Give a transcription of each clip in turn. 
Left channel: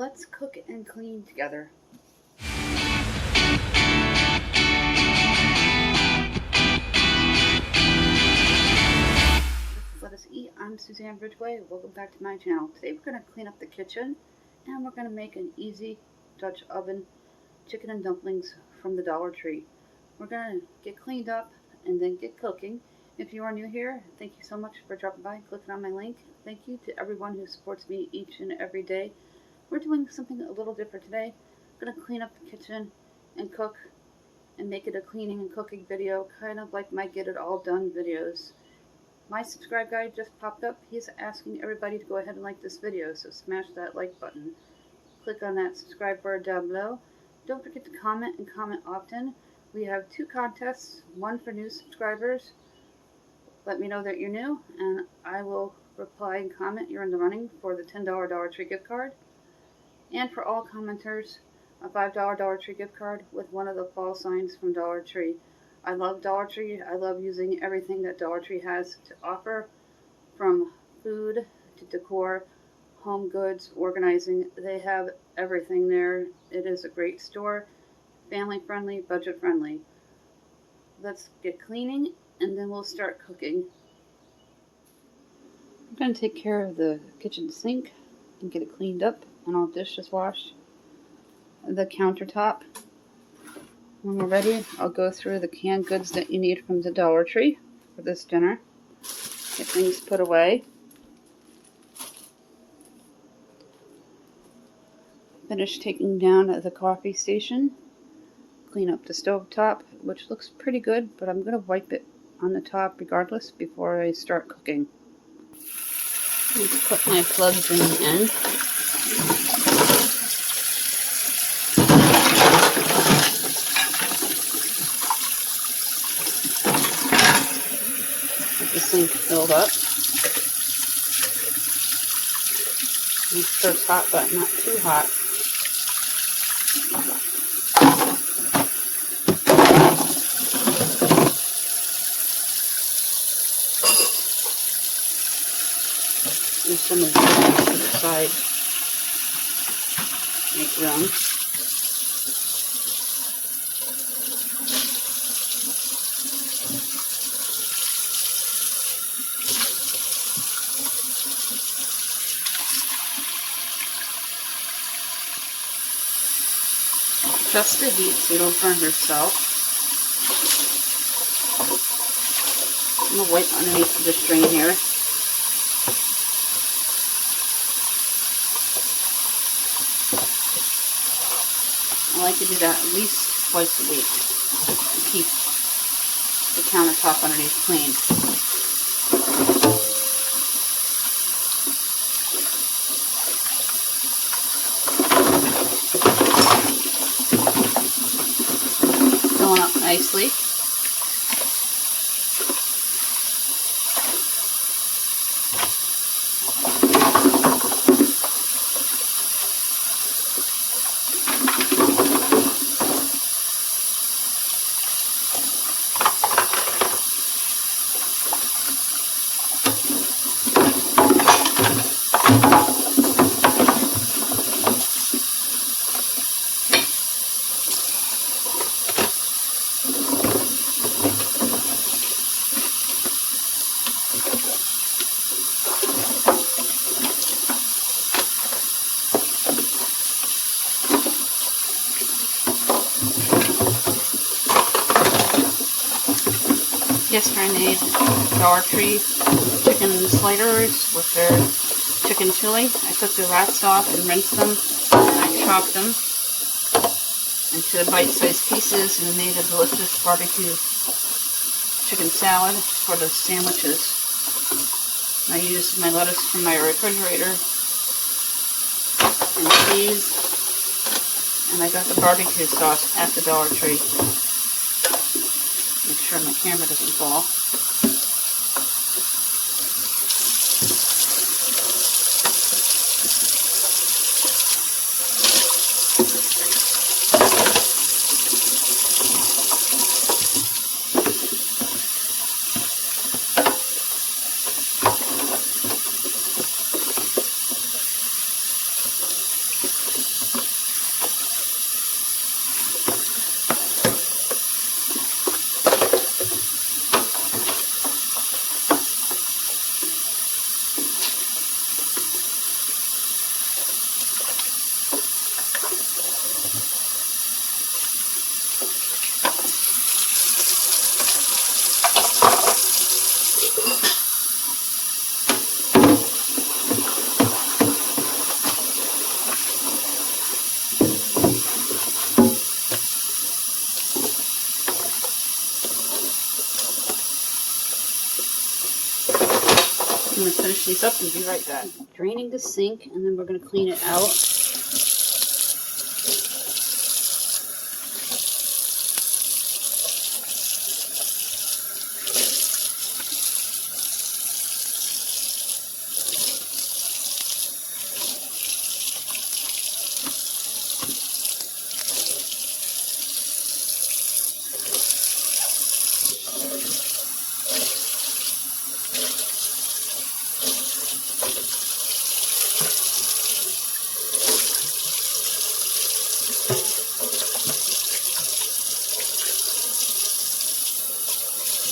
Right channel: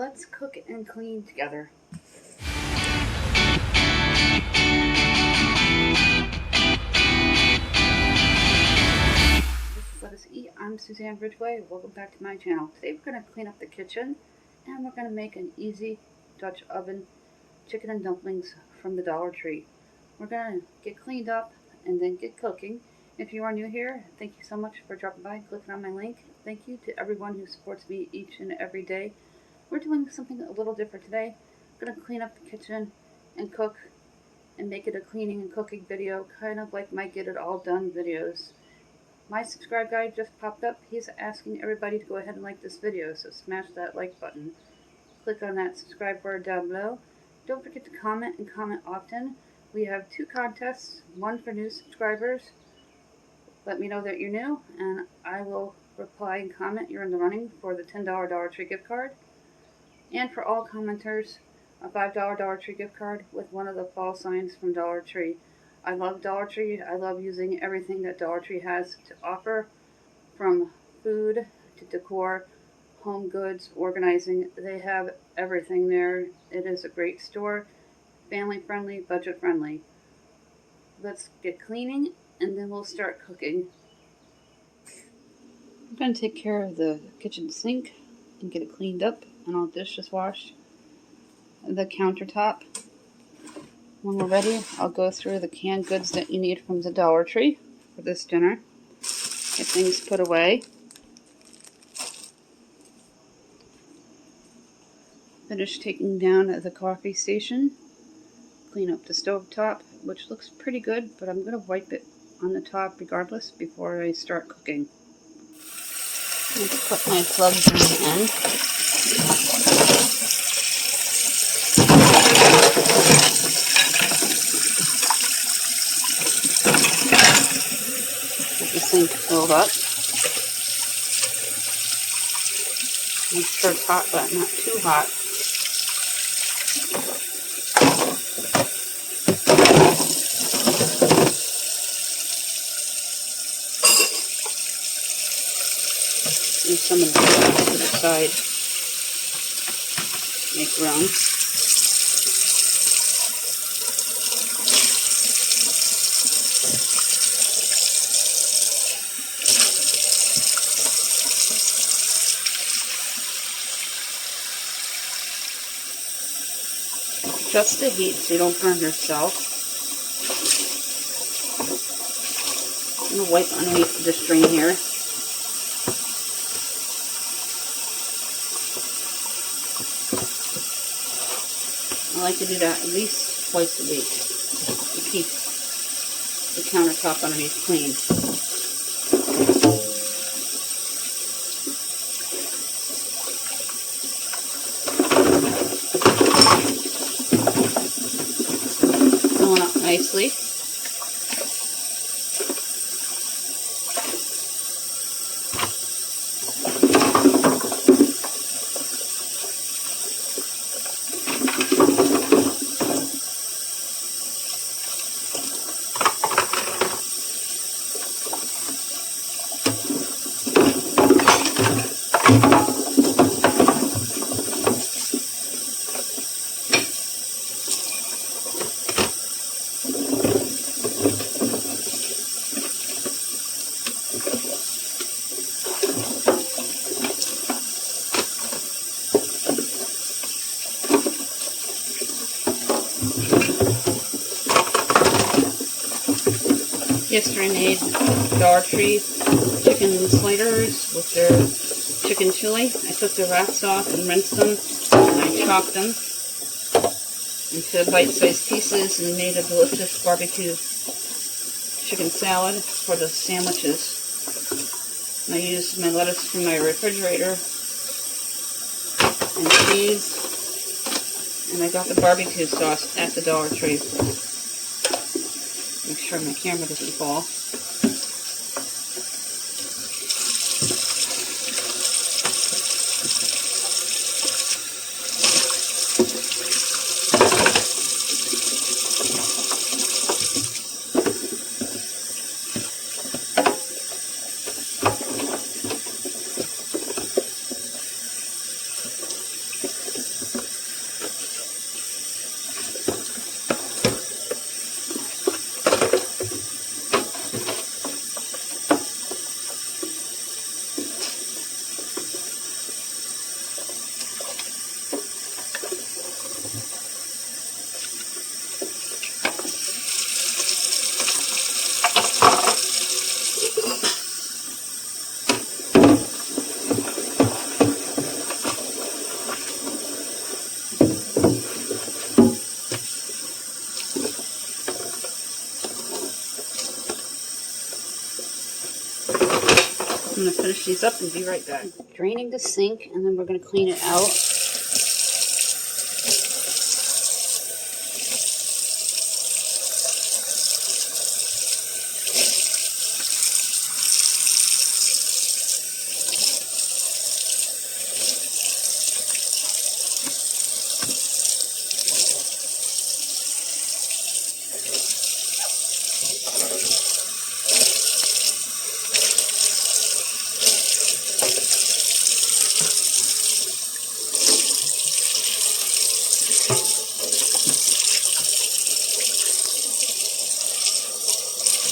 Let's cook and clean together. This is Let Us Eat. I'm Suzanne Ridgway. Welcome back to my channel. Today we're going to clean up the kitchen and we're going to make an easy Dutch oven chicken and dumplings from the Dollar Tree. We're going to get cleaned up and then get cooking. If you are new here, thank you so much for dropping by and clicking on my link. Thank you to everyone who supports me each and every day. We're doing something a little different today. I'm going to clean up the kitchen and cook and make it a cleaning and cooking video, kind of like my Get It All Done videos. My subscribe guy just popped up. He's asking everybody to go ahead and like this video, so smash that like button. Click on that subscribe word down below. Don't forget to comment and comment often. We have 2 contests, one for new subscribers. Let me know that you're new, and I will reply and comment you're in the running for the $10 Dollar Tree gift card. And for all commenters, a $5 Dollar Tree gift card with one of the fall signs from Dollar Tree. I love Dollar Tree. I love using everything that Dollar Tree has to offer, from food to decor, home goods, organizing. They have everything there. It is a great store, family friendly, budget friendly. Let's get cleaning and then we'll start cooking. I'm going to take care of the kitchen sink and get it cleaned up, and I'll dishes wash the countertop. When we're ready, I'll go through the canned goods that you need from the Dollar Tree for this dinner. Get things put away. Finish taking down the coffee station. Clean up the stovetop, which looks pretty good, but I'm going to wipe it on the top regardless before I start cooking. Let's put my plugs in the end. Get the sink filled up. Make sure it's hot, but not too hot. And some of the to the side. Make room. Adjust the heat so you don't burn yourself. I'm going to wipe underneath the string here. I like to do that at least twice a week to keep the countertop underneath clean. Filling up nicely. Yesterday I made Dollar Tree chicken sliders with their chicken chili. I took the wraps off and rinsed them, and I chopped them into bite-sized pieces and made a delicious barbecue chicken salad for the sandwiches. I used my lettuce from my refrigerator and cheese, and I got the barbecue sauce at the Dollar Tree. Make sure my camera doesn't fall. finish these up and be right back. Draining the sink, and then we're going to clean it out.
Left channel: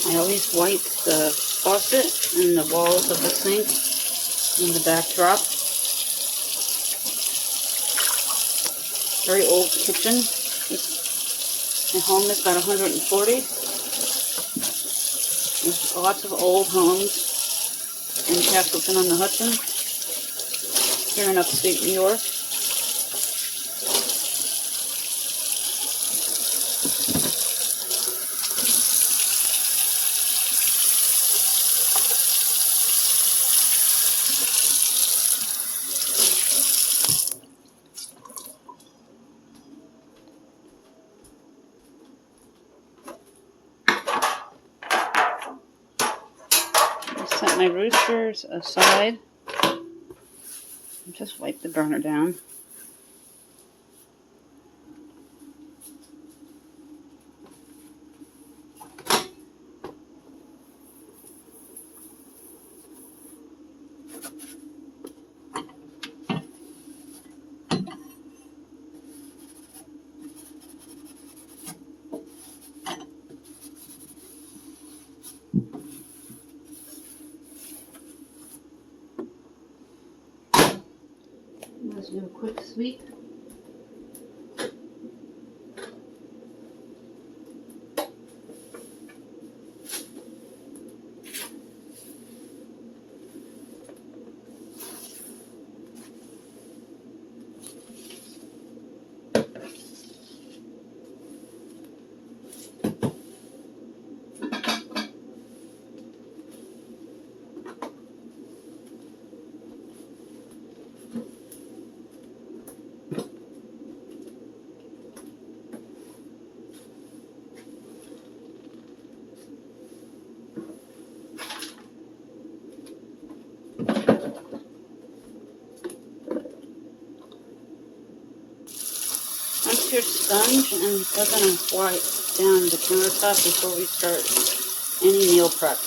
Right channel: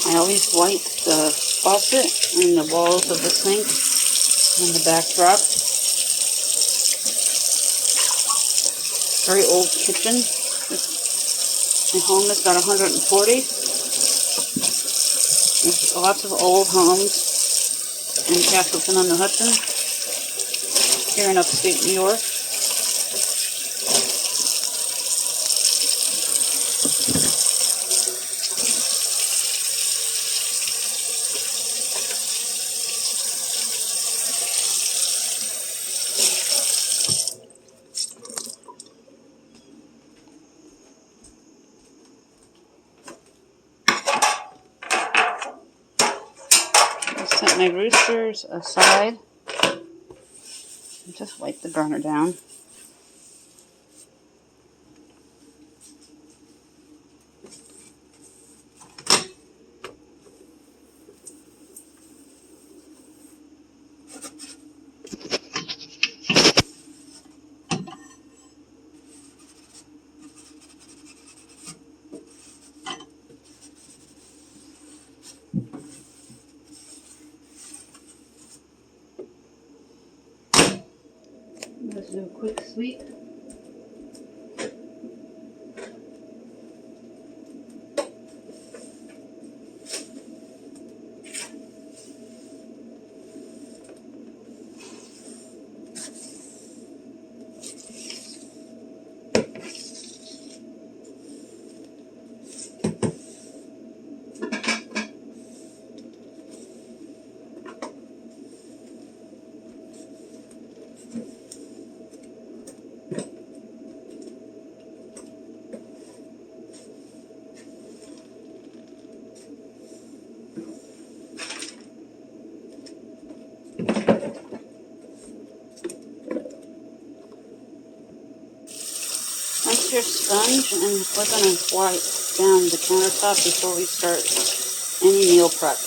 I always wipe the faucet and the walls of the sink and the backdrop. Very old kitchen. My home is about 140. There's lots of old homes in Castleton-on-the-Hudson, here in upstate New York. Set my roosters aside and just wipe the burner down. Let's do a quick sweep. Rinse your sponge, and we're going to wipe down the countertop before we start any meal prep.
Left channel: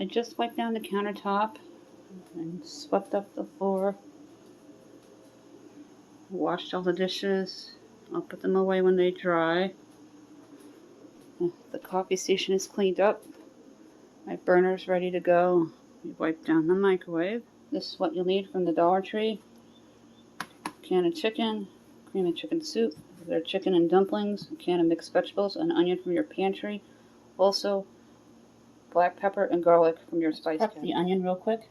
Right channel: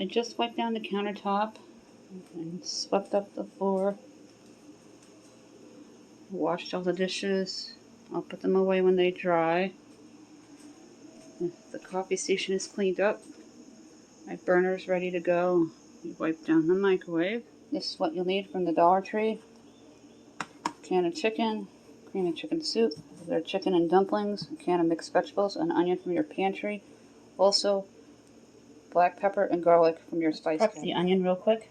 I just wiped down the countertop and swept up the floor. Washed all the dishes. I'll put them away when they dry. The coffee station is cleaned up. My burner's ready to go. We wiped down the microwave. This is what you'll need from the Dollar Tree. Can of chicken, cream of chicken soup, their chicken and dumplings, a can of mixed vegetables, an onion from your pantry. Also, black pepper and garlic from your spice cabinet. Prep the onion real quick.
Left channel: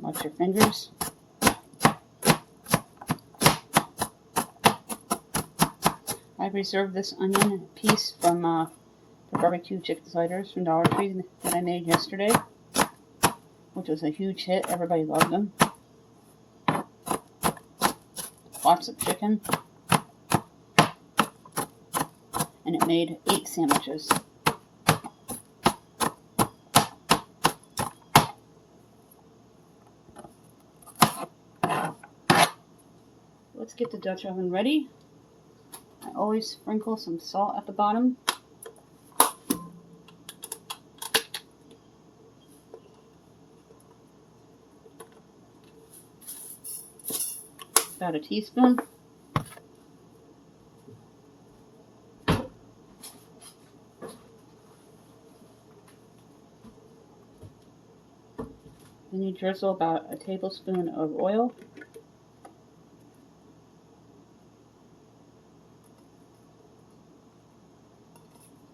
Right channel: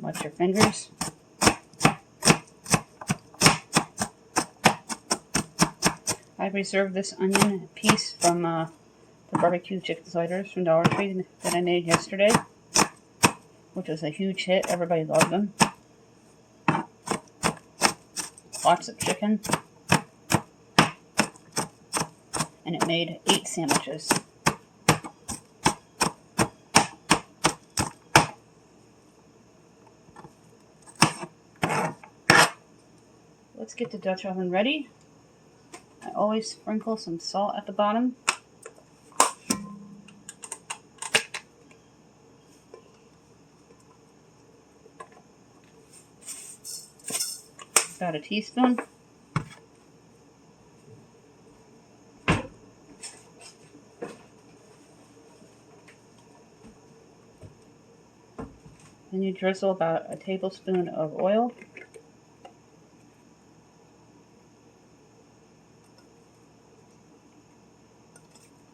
Watch your fingers. I reserved this onion piece from the barbecue chicken sliders from Dollar Tree that I made yesterday, which was a huge hit. Everybody loved them. Lots of chicken. And it made 8 sandwiches. Let's get the Dutch oven ready. I always sprinkle some salt at the bottom. About a teaspoon. Then you drizzle about a tablespoon of oil.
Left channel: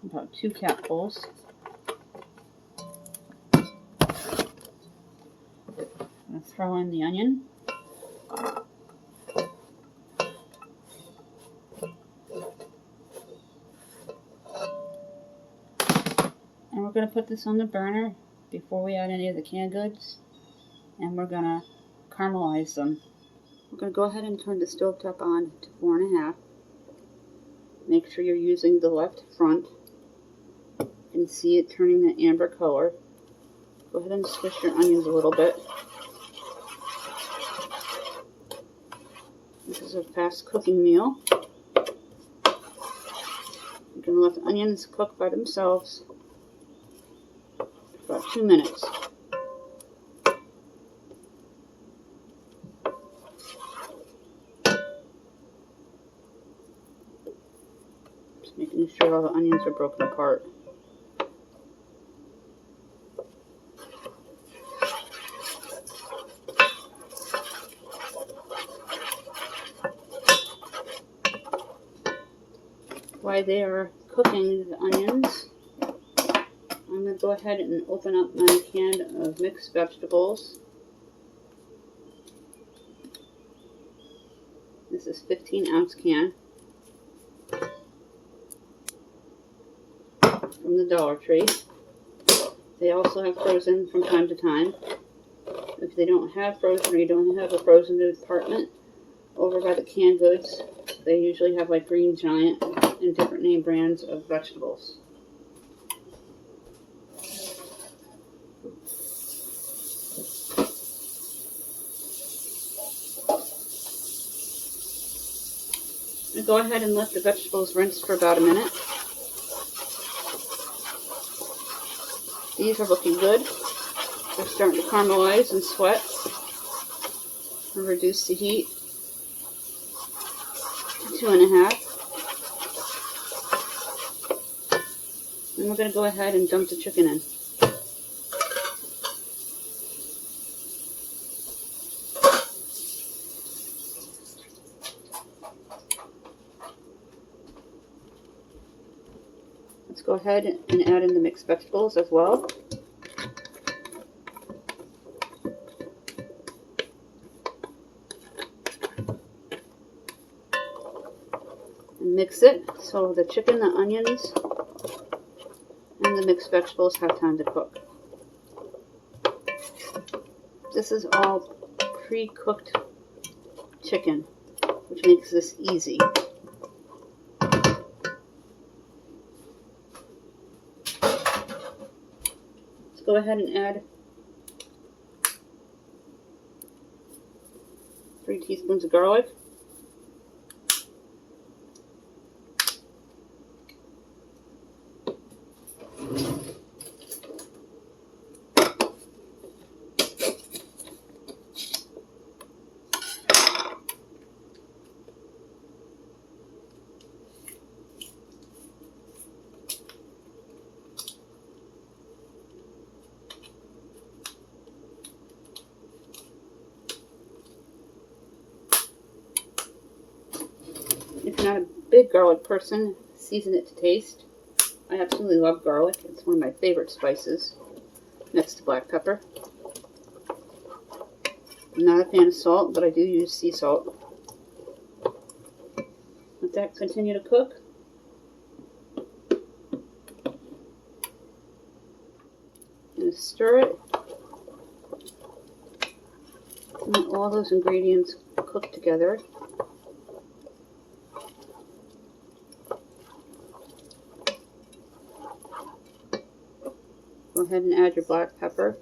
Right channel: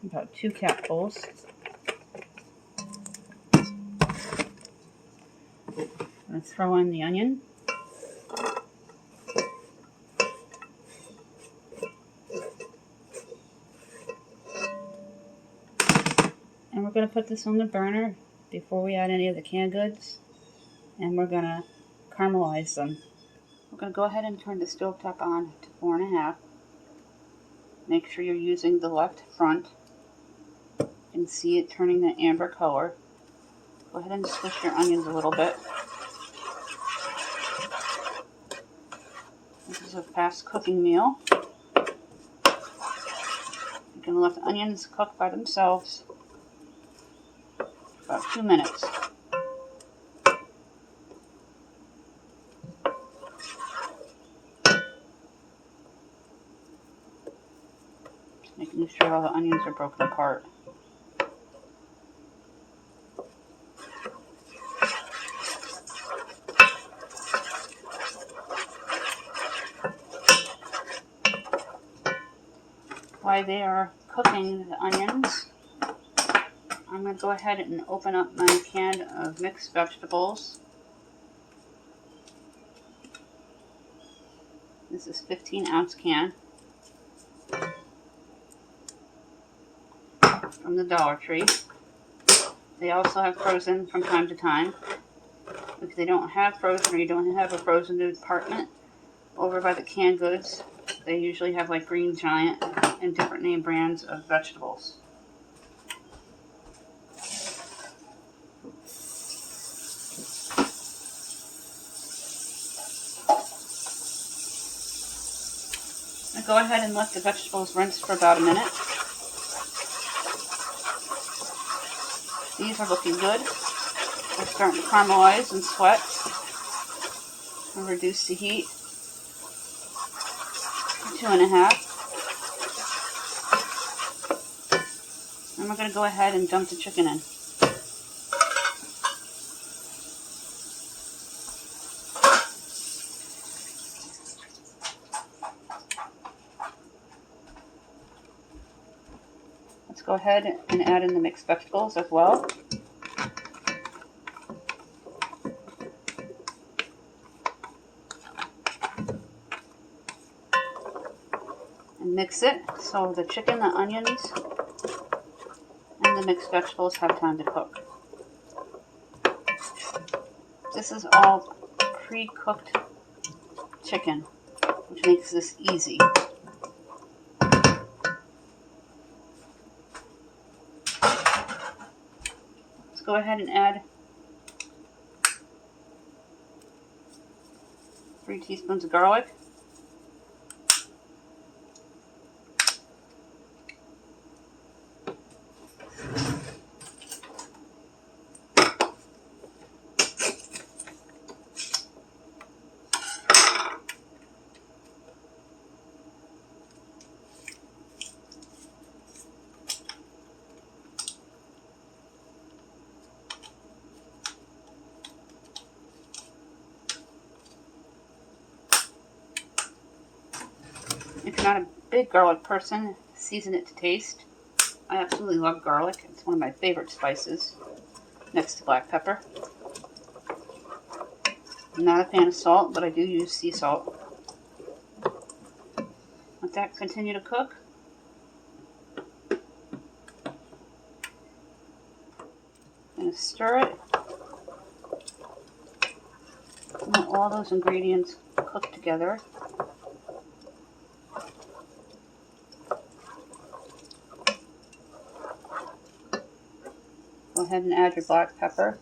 About 2 capfuls. I'm going to throw in the onion. And we're going to put this on the burner before we add any of the canned goods. And we're going to caramelize them. We're going to go ahead and turn the stovetop on to 4.5. Make sure you're using the left front. You can see it turning the amber color. Go ahead and squish your onions a little bit. This is a fast cooking meal. You can let the onions cook by themselves for about 2 minutes. Just making sure all the onions are broken apart. While they are cooking the onions, I'm going to go ahead and open up my can of mixed vegetables. This is a 15-ounce can from the Dollar Tree. They also have frozen from time to time. If they don't have frozen, or you don't have a frozen department over by the canned goods, they usually have like Green Giant and different name brands of vegetables. I go ahead and let the vegetables rinse for about a minute. These are looking good. They're starting to caramelize and sweat. I'll reduce the heat to 2.5. And we're going to go ahead and dump the chicken in. Let's go ahead and add in the mixed vegetables as well. And mix it so the chicken, the onions, and the mixed vegetables have time to cook. This is all pre-cooked chicken, which makes this easy. Let's go ahead and add 3 teaspoons of garlic. If you're not a big garlic person, season it to taste. I absolutely love garlic. It's one of my favorite spices, next to black pepper. I'm not a fan of salt, but I do use sea salt. Let that continue to cook. I'm going to stir it. And let all those ingredients cook together. Go ahead and add your black pepper,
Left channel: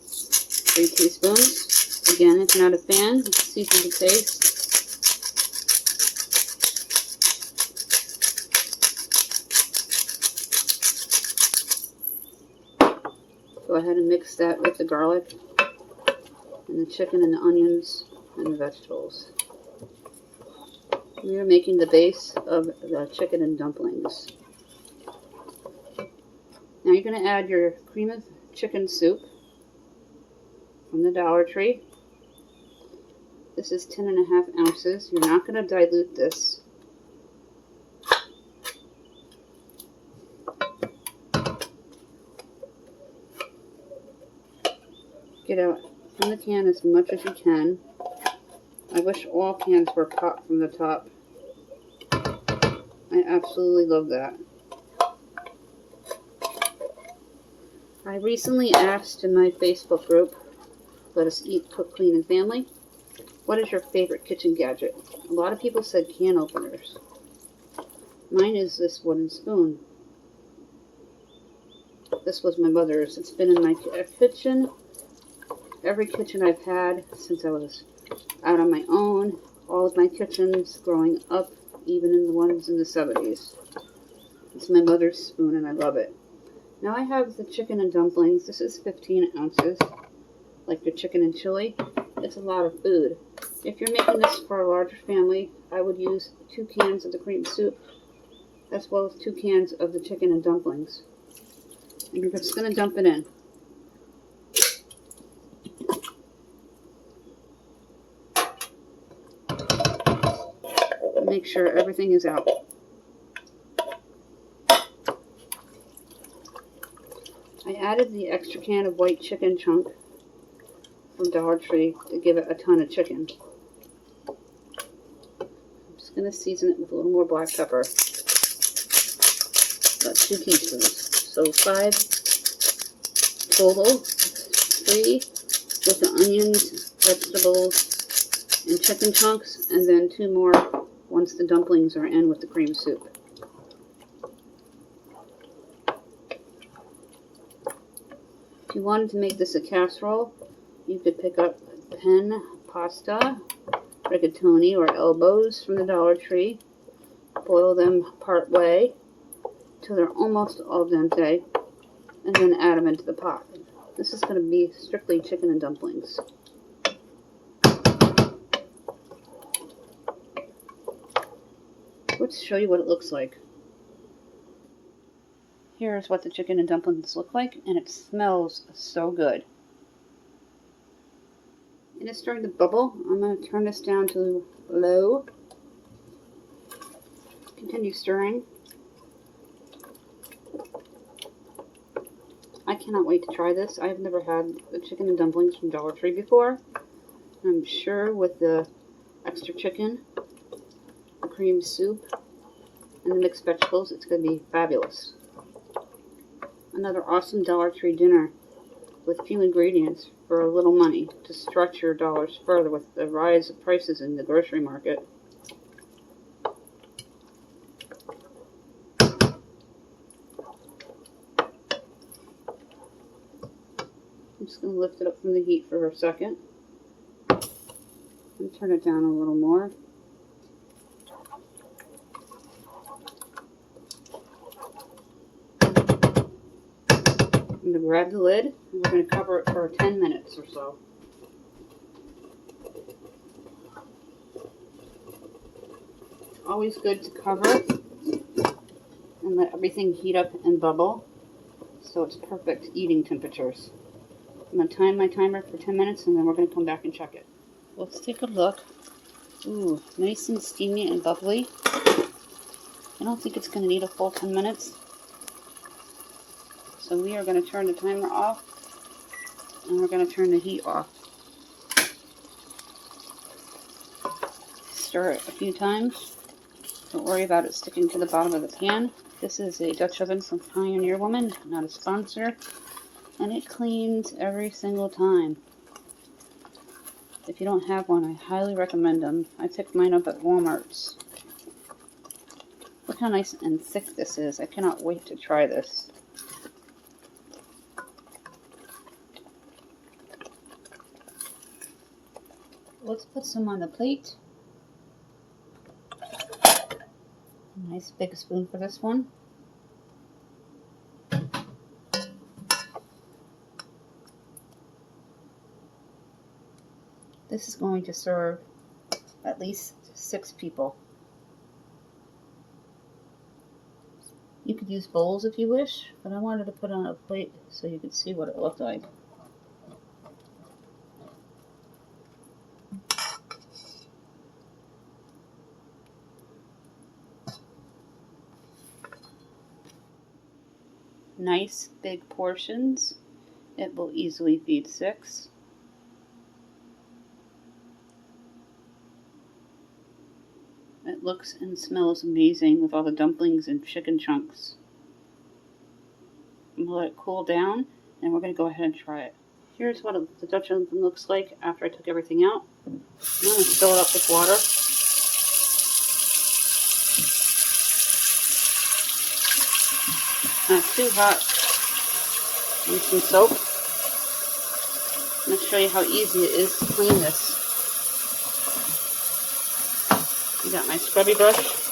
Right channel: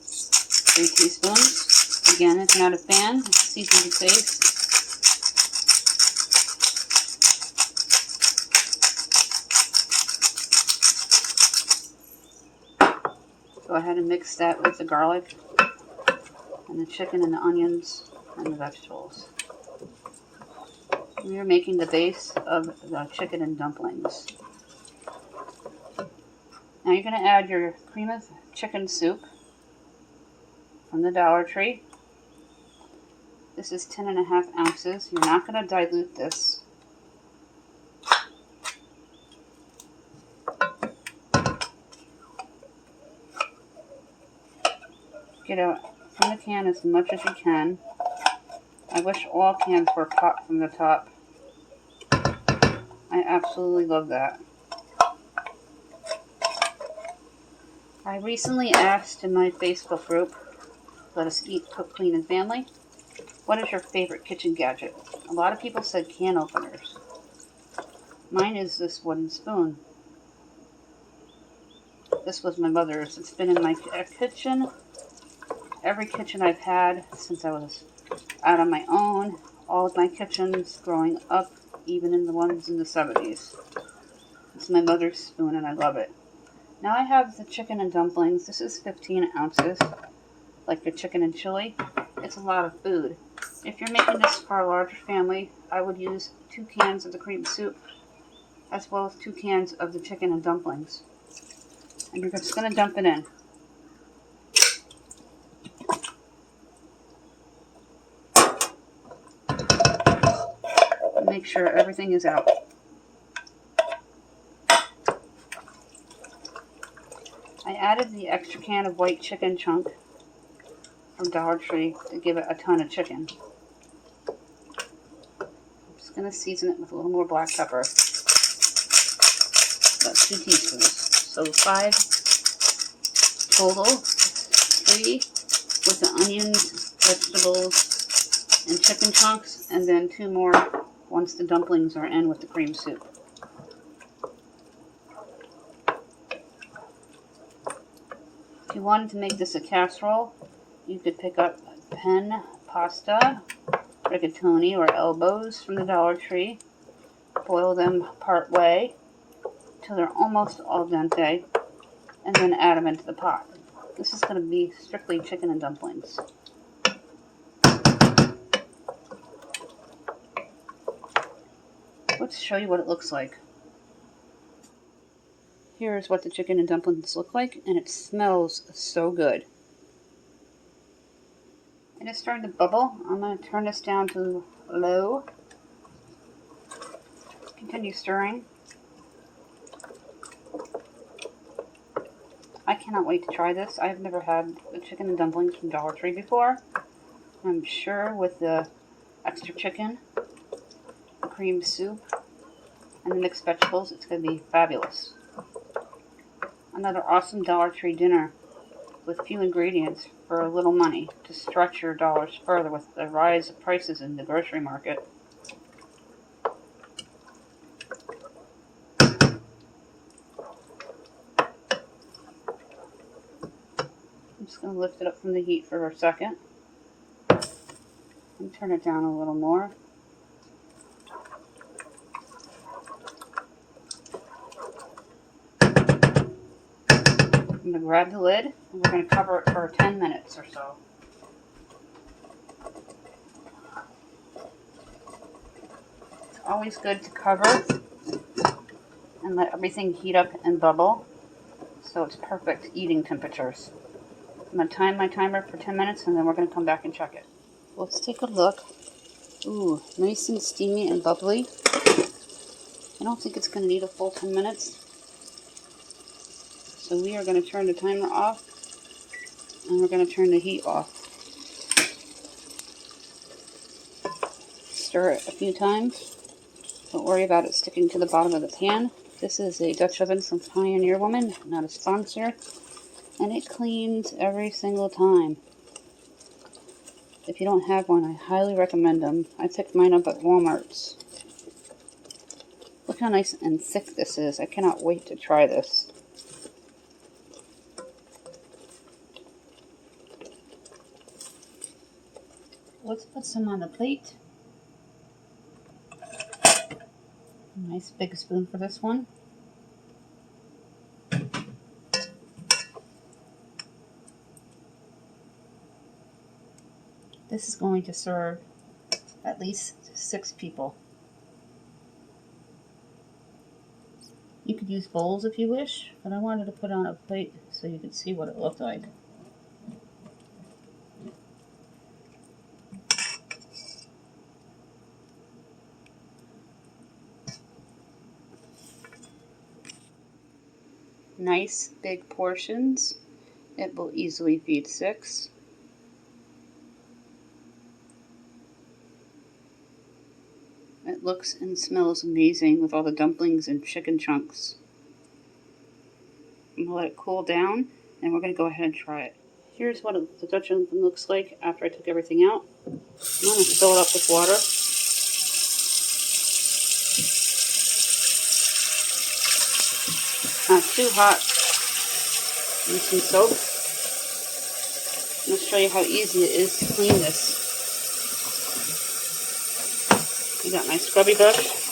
3 teaspoons. Again, if you're not a fan, season to taste. Go ahead and mix that with the garlic and the chicken and the onions and the vegetables. We are making the base of the chicken and dumplings. Now you're going to add your cream of chicken soup. from the Dollar Tree. This is 10.5 ounces. You're not going to dilute this. Get out from the can as much as you can. I wish all cans were popped from the top. I absolutely love that. I recently asked in my Facebook group, Let Us Eat, Cook, Clean, and Family, what is your favorite kitchen gadget? A lot of people said can openers. Mine is this wooden spoon. This was my mother's. It's been in my kitchen. Every kitchen I've had since I was out on my own. All of my kitchens growing up, even in the ones in the 70s. It's my mother's spoon and I love it. Now I have the chicken and dumplings. This is 15 ounces, like your chicken and chili. It's a lot of food. If you're making this for a larger family, I would use 2 cans of the cream soup, as well as 2 cans of the chicken and dumplings. And you're just going to dump it in. Make sure everything is out. I added the extra can of white chicken chunk from Dollar Tree to give it a ton of chicken. I'm just going to season it with a little more black pepper. About 2 teaspoons. So 5 total. 3 with the onions, vegetables, and chicken chunks, and then 2 more once the dumplings are in with the cream soup. If you wanted to make this a casserole, you could pick up pen pasta, rigatoni, or elbows from the Dollar Tree. Boil them part way till they're almost al dente, and then add them into the pot. This is going to be strictly chicken and dumplings. Let's show you what it looks like. Here's what the chicken and dumplings look like, and it smells so good. And it's starting to bubble. I'm going to turn this down to low. Continue stirring. I cannot wait to try this. I've never had the chicken and dumplings from Dollar Tree before. I'm sure with the extra chicken, the cream soup, and the mixed vegetables, it's going to be fabulous. Another awesome Dollar Tree dinner with few ingredients for a little money to stretch your dollars further with the rise of prices in the grocery market. I'm just going to lift it up from the heat for a second and turn it down a little more. I'm going to grab the lid and we're going to cover it for 10 minutes or so. It's always good to cover and let everything heat up and bubble so it's perfect eating temperatures. I'm going to time my timer for 10 minutes and then we're going to come back and check it. Let's take a look. Ooh, nice and steamy and bubbly. I don't think it's going to need a full 10 minutes. So we are going to turn the timer off and we're going to turn the heat off. Stir it a few times. Don't worry about it sticking to the bottom of the pan. This is a Dutch oven from Pioneer Woman, not a sponsor. And it cleans every single time. If you don't have one, I highly recommend them. I picked mine up at Walmart's. Look how nice and thick this is. I cannot wait to try this. Let's put some on the plate. A nice big spoon for this one. This is going to serve at least 6 people. You could use bowls if you wish, but I wanted to put it on a plate so you could see what it looked like. nice big portions. It will easily feed 6. It looks and smells amazing with all the dumplings and chicken chunks. I'm going to let it cool down, and we're going to go ahead and try it. Here's what the Dutch oven looks like after I took everything out. I'm going to fill it up with water. Not too hot. And some soap. I'm going to show you how easy it is to clean this. I got my scrubby brush.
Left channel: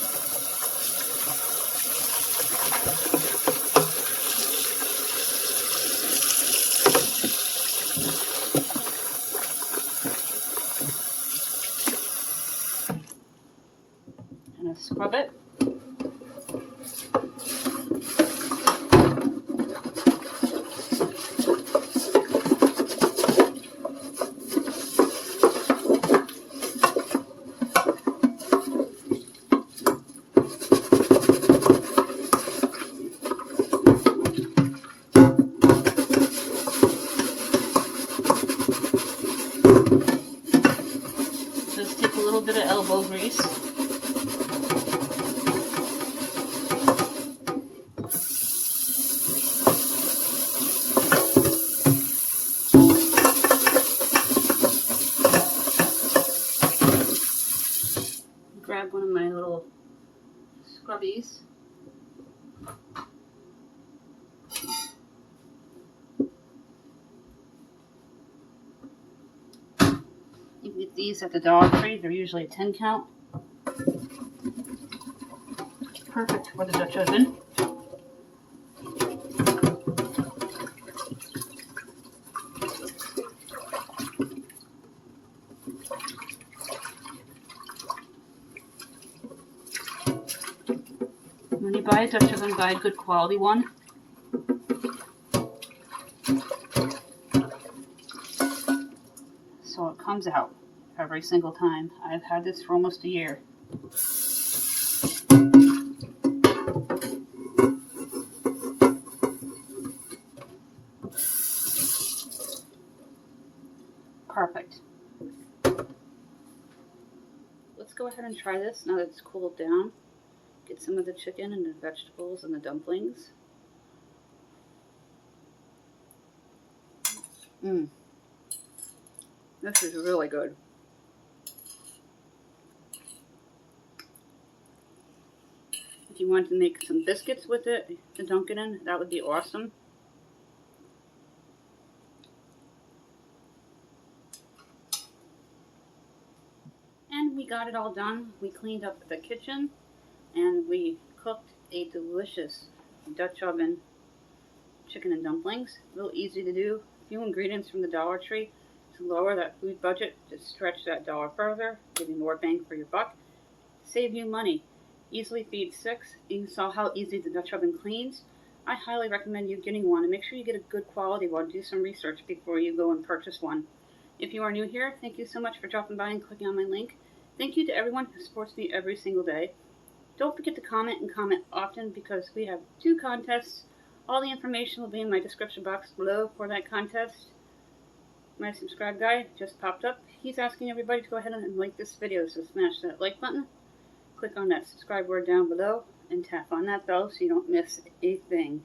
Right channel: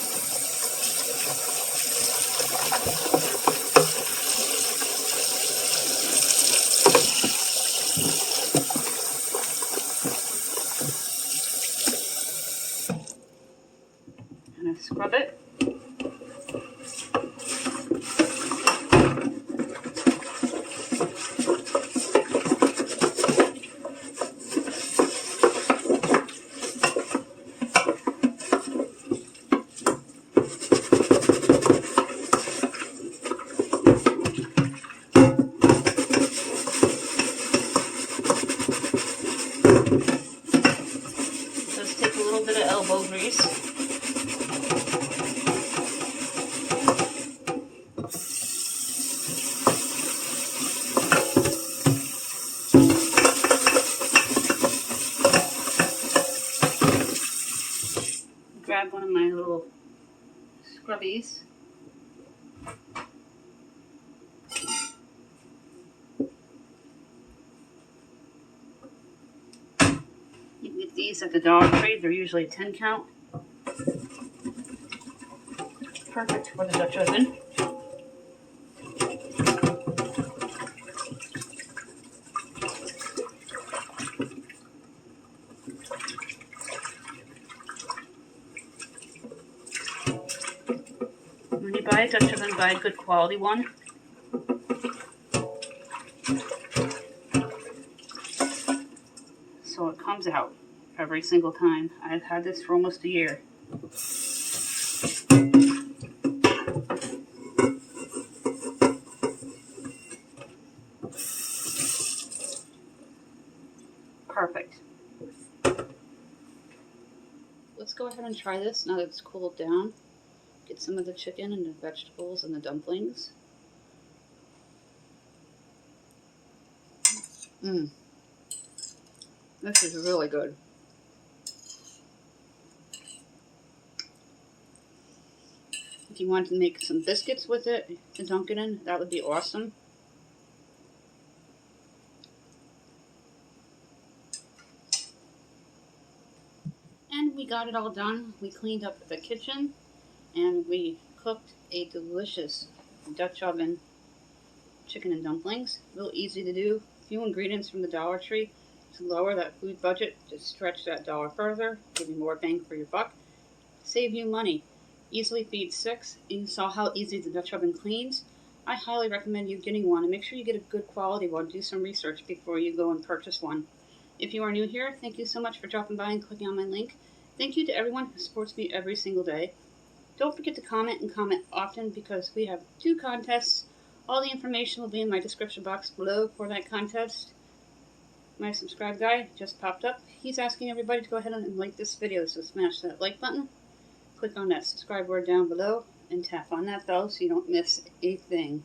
And I scrub it. Just take a little bit of elbow grease. Grab one of my little scrubbies. You can get these at the Dollar Tree. They're usually a 10 count. Perfect for the Dutch oven. When you buy a Dutch oven, buy a good quality one. So it comes out every single time. I've had this for almost a year. Perfect. Let's go ahead and try this now that it's cooled down. Get some of the chicken and the vegetables and the dumplings. This is really good. If you want to make some biscuits with it to dunk it in, that would be awesome. And we got it all done. We cleaned up the kitchen and we cooked a delicious Dutch oven chicken and dumplings. Real easy to do. Few ingredients from the Dollar Tree to lower that food budget, to stretch that dollar further, give you more bang for your buck, save you money. Easily feed 6. You saw how easy the Dutch oven cleans. I highly recommend you getting one, and make sure you get a good quality one. Do some research before you go and purchase one. If you are new here, thank you so much for dropping by and clicking on my link. Thank you to everyone who supports me every single day. Don't forget to comment and comment often, because we have 2 contests. All the information will be in my description box below for that contest. My subscribe guy just popped up. He's asking everybody to go ahead and like this video, so smash that like button. Click on that subscribe word down below and tap on that bell so you don't miss a thing.